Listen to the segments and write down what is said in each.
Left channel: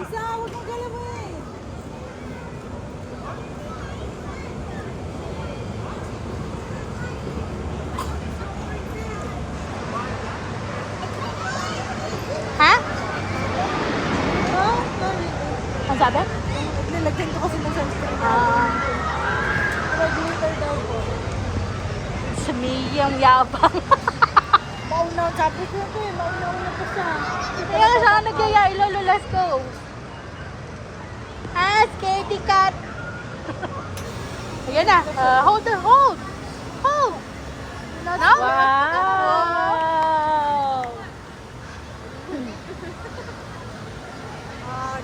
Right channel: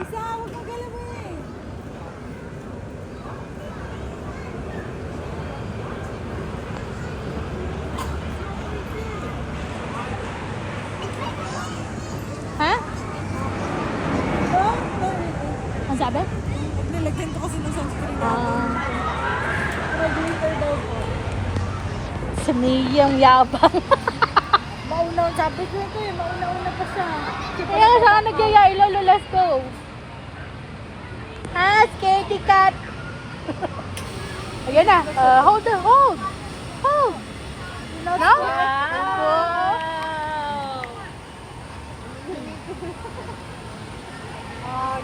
Isa, huwag kang galawin. Ha? Oh, sorry. Ang sabi? Nilagyan ko kasi ng sunscreen. Regulator daw ko. Sumiyang yabang. Mauna, sabi ko ito eh. Mauna pa siya. Kaya siya ka nagyaya, ilolo, let's go. Ah, scaredy cat. Ayan na. Hold. Hold. No? Wow!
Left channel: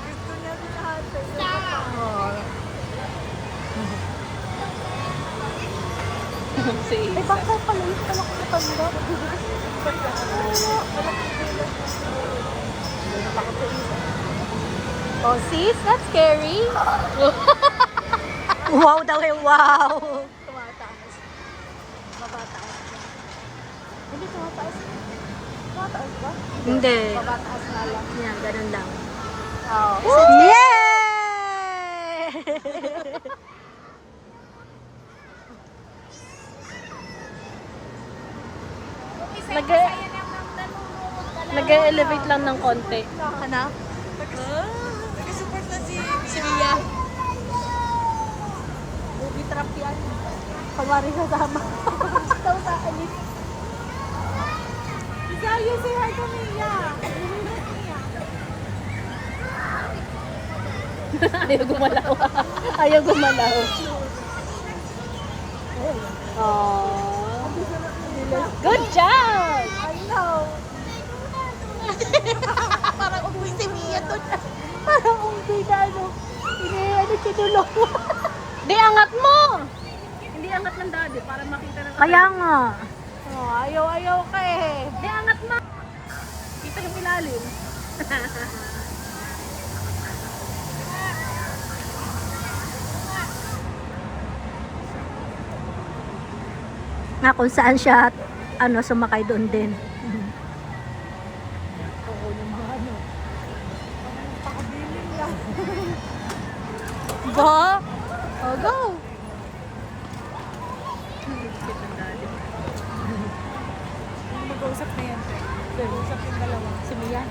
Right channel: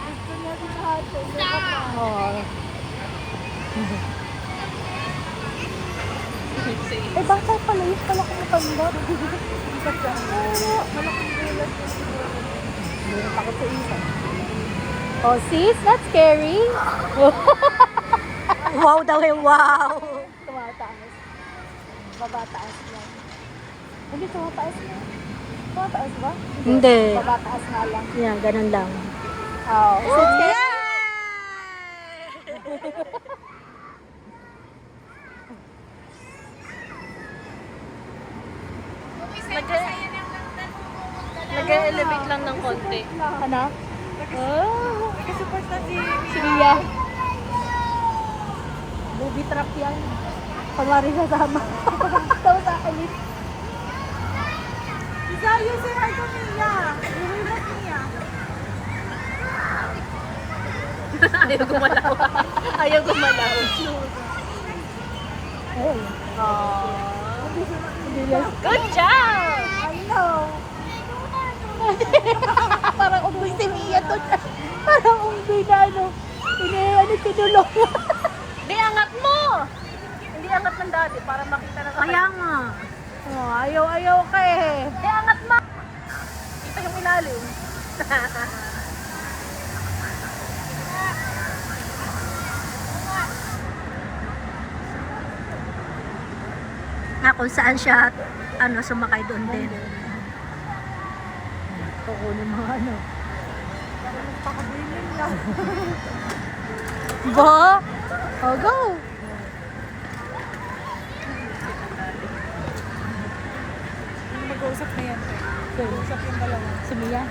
Dito na lahat. Oh. Eh, baka pala yung pala ko itanda. Oh, sis, that's scary. Wow daw eh, wow. Tumataas. Babataas na. Hindi tumataas na. Tumataas ba? Hindi. Babataas nga lang. Yan, ganun lang. Oh. Yay! Nag-elevate lang ng konti. Ano? Oh, support na si Mia. Baby trap yan. Kamari kasama. Tawa sa akin. Isayo si Harko Mia. Ayaw gumalaw. Ayaw gumalaw. Good job! Hello. Parang unggoy si Mia to. Parang unggoy na ano. Ano tinulong. Di, angat mo! Hindi angat ng daddy para makita na. Kaya nga. Oh, ayaw ka eh. Di, angat mo! Kita yung ilalim. Na kung saan siya sumakay doon din. Ba? Oh, go! Mag-uusap na yan. Mag-uusap yung dalawa. Si Mia.